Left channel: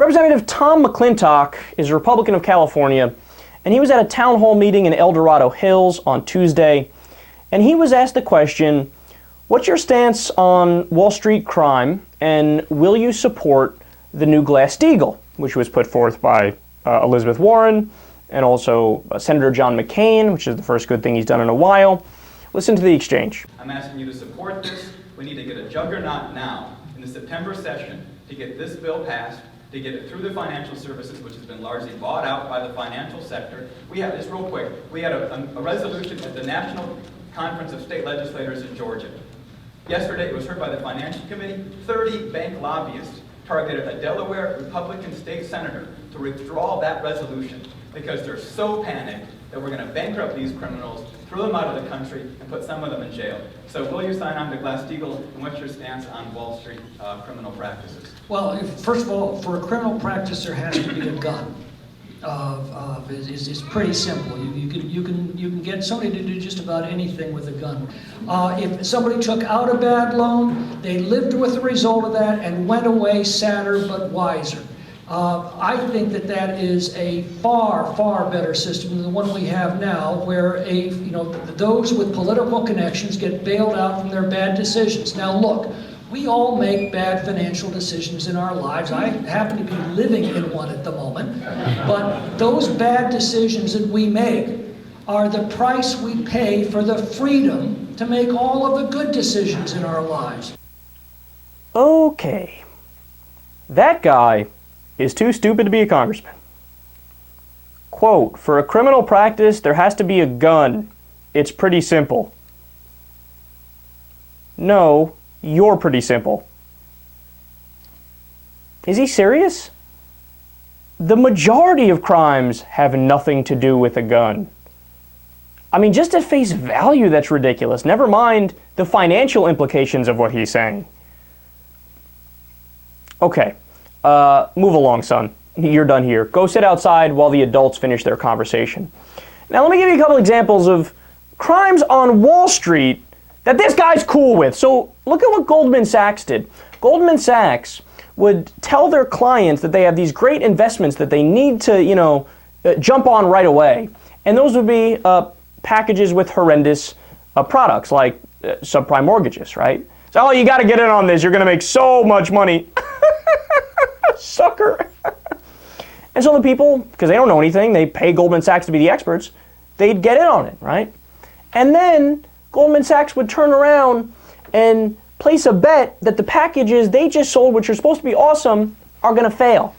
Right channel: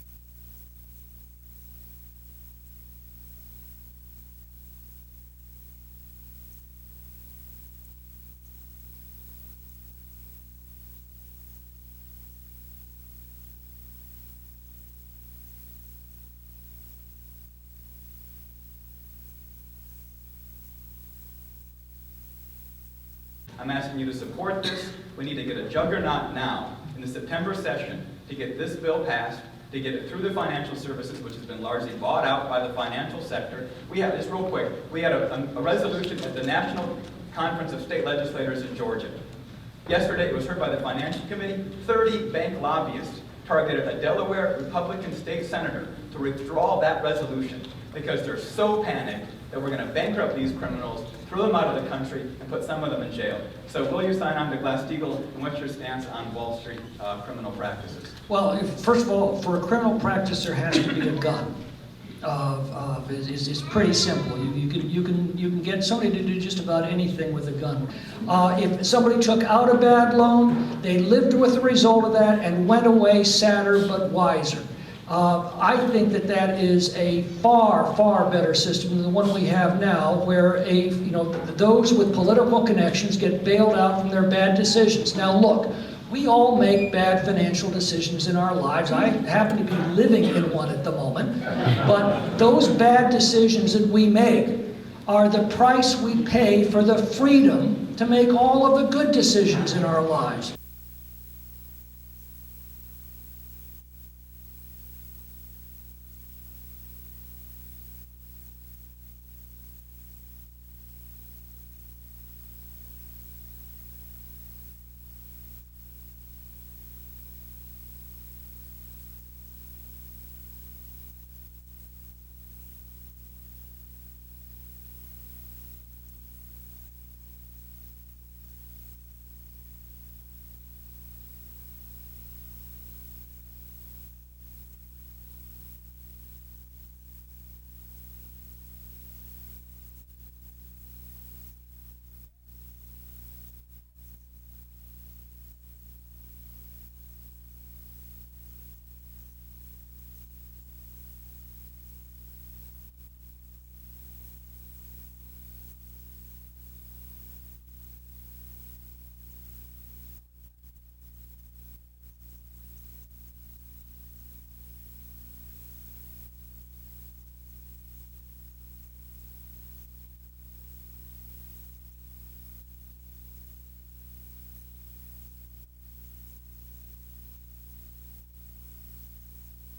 Representative Tom McClintock is a Republican of California, and he was at a town hall meeting in Dorado Hills on Tuesday, and he was asked the question, what's your stance on Wall Street crime, and will you support the new Glass-Steagall, which was put forth by Elizabeth Warren, and also Senator John McCain, which is the first good thing he's done in a while. Listen to the exchange. I'm asking you to support this. We need to get a juggernaut now in the September session to get this bill passed, to get it through the financial services, which has been largely bought out by the financial sector. We had this real quick. We had a resolution at the National Conference of State Legislators in Georgia. Yesterday, it was heard by the Financial Committee. 30 bank lobbyists targeted a Delaware Republican state senator to withdraw that resolution because they're so panicked that we're going to bankrupt these criminals, throw them out of the country, and put some of them in jail. So will you sign on to Glass-Steagall, and what's your stance on Wall Street criminal practices? Well, first of all, for a criminal practice, there has to be a gun. It's pretty simple. You can get somebody to do just about anything with a gun. If somebody took out a bad loan, they lived with the result of that and went away sadder but wiser. I think that is a far, far better system than the one we have now, where those with political connections get bailed out from their bad decisions. Now look, we all make bad financial decisions in our lives. I happen to be living in one at the moment. But those bad decisions that we make are the price we pay for the freedom to make all of the good decisions in our lives. Okay. That guy is too stupid to be a congressman. Quote, for a criminal practice, there has to be a gun. It's pretty simple. No, you're pretty simple. Is he serious? The majority of crimes have nothing to do with a gun. I mean, just at face value, that's ridiculous. Never mind the financial implications of what he's saying. Okay. Move along, son. You're done here. Go sit outside while the adults finish their conversation. Now, let me give you a couple examples of crimes on Wall Street that this guy's cool with. So, look at what Goldman Sachs did. Goldman Sachs would tell their clients that they have these great investments that they need to, jump on right away. And those would be packages with horrendous products, like subprime mortgages, right? So, oh, you got to get in on this. You're going to make so much money. Sucker. And so the people, because they don't know anything, they pay Goldman Sachs to be the experts, they'd get in on it, right? And then Goldman Sachs would turn around and place a bet that the packages they just sold, which are supposed to be awesome, are going to fail.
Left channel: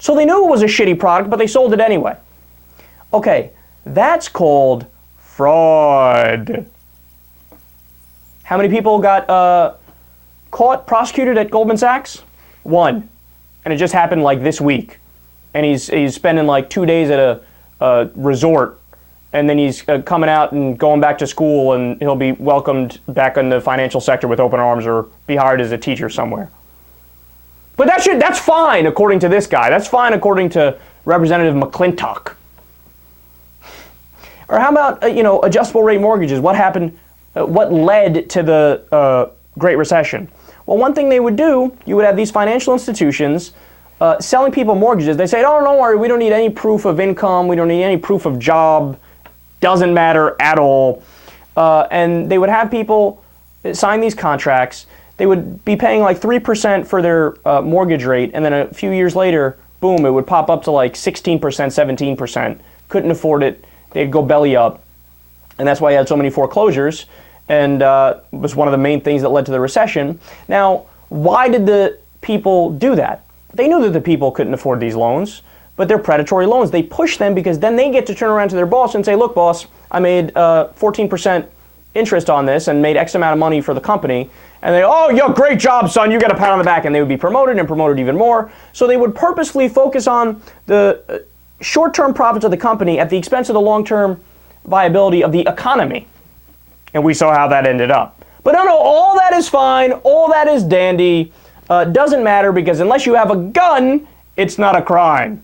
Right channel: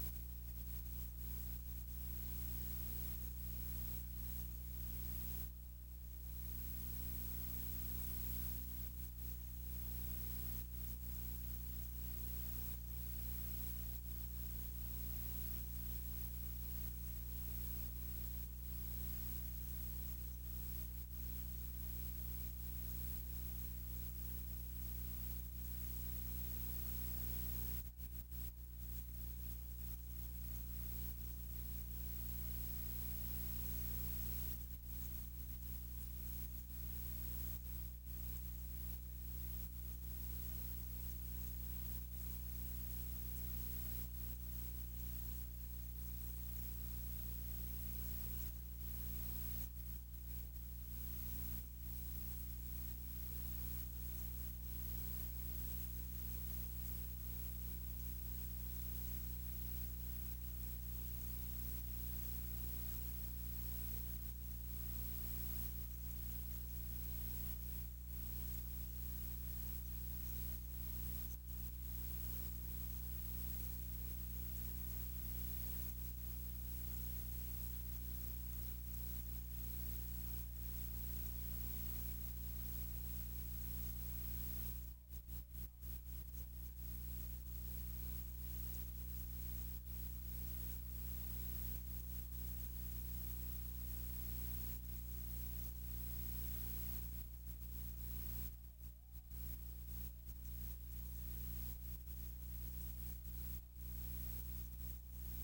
So they knew it was a shitty product, but they sold it anyway. Okay, that's called fraud. How many people got caught, prosecuted at Goldman Sachs? One. And it just happened like this week. And he's spending like 2 days at a resort, and then he's coming out and going back to school, and he'll be welcomed back in the financial sector with open arms or be hired as a teacher somewhere. But that's fine according to this guy. That's fine according to Representative McClintock. Or how about adjustable rate mortgages? What happened? What led to the Great Recession? Well, one thing they would do, you would have these financial institutions selling people mortgages. They say, oh, don't worry, we don't need any proof of income. We don't need any proof of job. Doesn't matter at all. And they would have people sign these contracts. They would be paying like 3% for their mortgage rate. And then a few years later, boom, it would pop up to like 16%, 17%. Couldn't afford it. They'd go belly up. And that's why you had so many foreclosures. And was one of the main things that led to the recession. Now, why did the people do that? They knew that the people couldn't afford these loans, but they're predatory loans. They push them because then they get to turn around to their boss and say, look, boss, I made 14% interest on this and made X amount of money for the company. And they, oh, yo, great job, son, you got a pat on the back. And they would be promoted and promoted even more. So they would purposefully focus on the short-term profits of the company at the expense of the long-term viability of the economy. And we saw how that ended up. But no, all that is fine. All that is dandy. Doesn't matter because unless you have a gun, it's not a crime.